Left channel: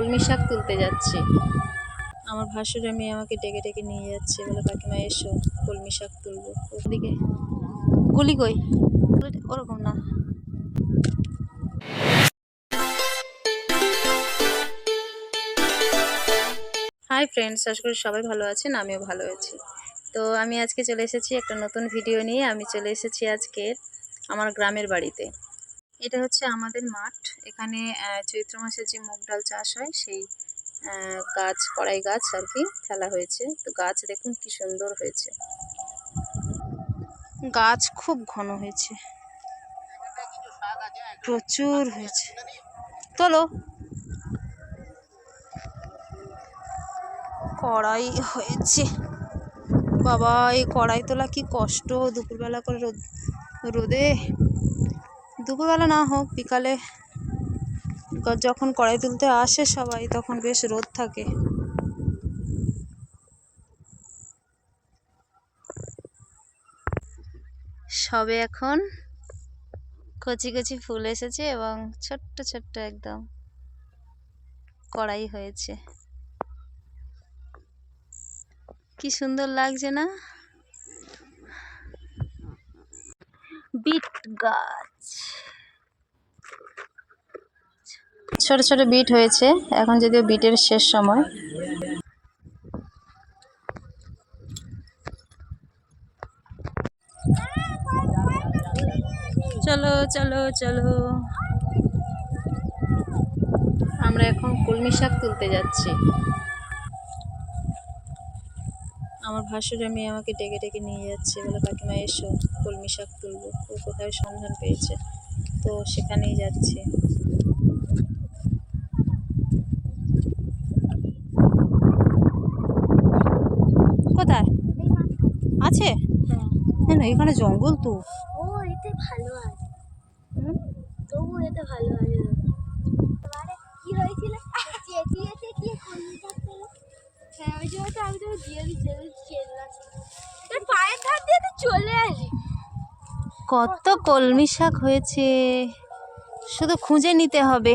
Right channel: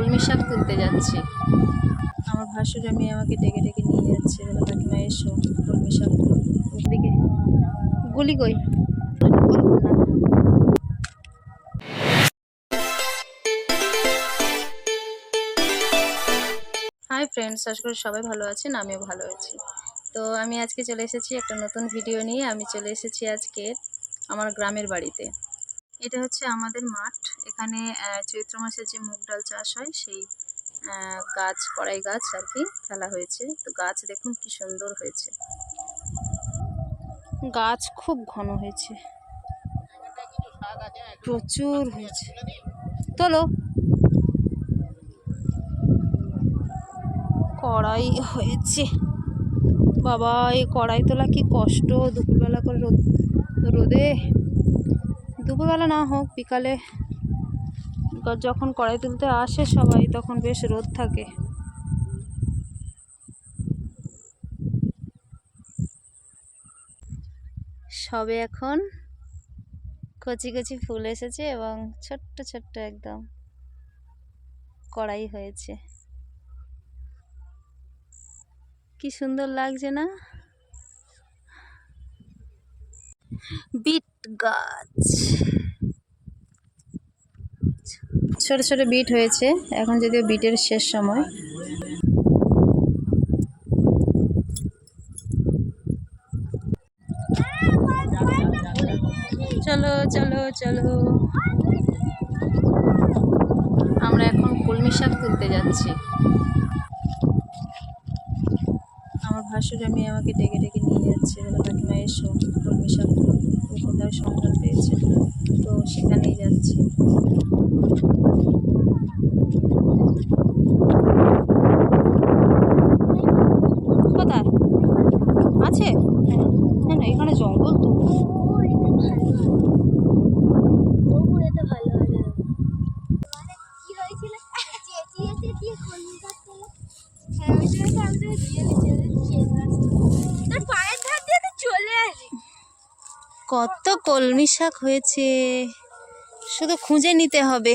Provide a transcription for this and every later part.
কলমি শাক তুলতে যাচ্ছি। আমার ভাসুরের মেয়ে আমাকে ডেকে ডেকে নিয়ে যাচ্ছে বলে কাকিমা এসো কলমি শাক তুলবো। ওদিকে। গুলি কই? ওরকম না হাই ফ্রেন্ডস আশা করি সবাই ভালো আছেন আমিও ভালো আছি। তো আমি আজকে চলে এসেছি একটা নতুন ভিডিও নিয়ে। আমি চলে এসেছি আজকে আমার গ্রামের বাড়িতে। এটা হচ্ছে আমাদের মাঠ। এখানে চৈত্র মাসে যে মুগ ডাল চাষ হয়, সেই গাছ, কড়াই গাছ আর কি ফেলা হয়েছে। তো গাছ দেখুন কি সুন্দর হয়েছে। গাছ খুব ঘন হয়েছে। প্রচুর হয়েছে। তোলো। কড়াই হয়েছে। বাবা, এই কড়াই তোলা কি কষ্ট? দুপুরবেলা করে রোদ, রোদে? দুপুরবেলা না হোক, বিকালে যখন কড়াই তুলতে আসে সবাই, তখন বেশ রোদ থাকে। সবে এখন কচি কচি ফুল এসেছে এবং ছোট্ট ছোট্ট একদম কড়াই হয়েছে। কি সুন্দর লাগছে না? বিট গাছ। ছোট ছোট বিট হয়েছে। এখন যদিও বিটের শেষ সময়। চলো চলো চলো। আমরা এখন কলমি শাক তুলতে যাচ্ছি। আমার ভাসুরের মেয়ে আমাকে ডেকে ডেকে নিয়ে যাচ্ছে। বলে, কাকিমা, এসো, কলমি শাক তুলবো। ও কোথায় সন্ধান পেয়েছে? তো সেখানেই যাচ্ছে। কোথায়? আছে? কেন এখানে জঙ্গল তো না কত কলমি শাক হয়েছে। শুধু খুঁজে নিতে হবে।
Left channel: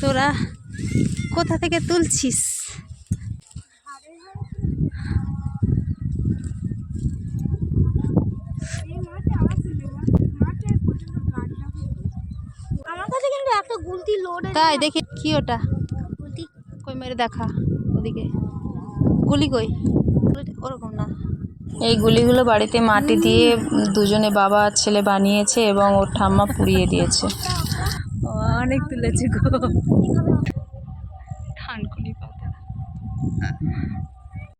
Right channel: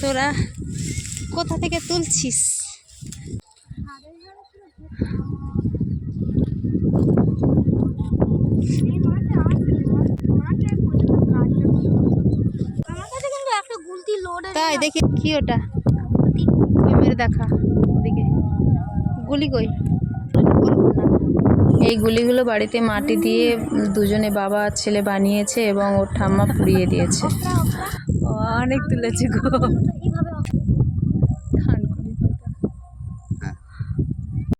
তোরা কোথা থেকে তুলছিস? তাই দেখি কি ওটা? মেরে দেখা ওদিকে। গুলি কই এই গুলিগুলো বাড়িতে মাটি দিয়ে দুজনে বাবা ছেলে বানিয়েছে এবং ওর ঠাম্মা পুড়িয়ে দিয়েছে। ও, অনেক তুলেছে গো। ধানকুনি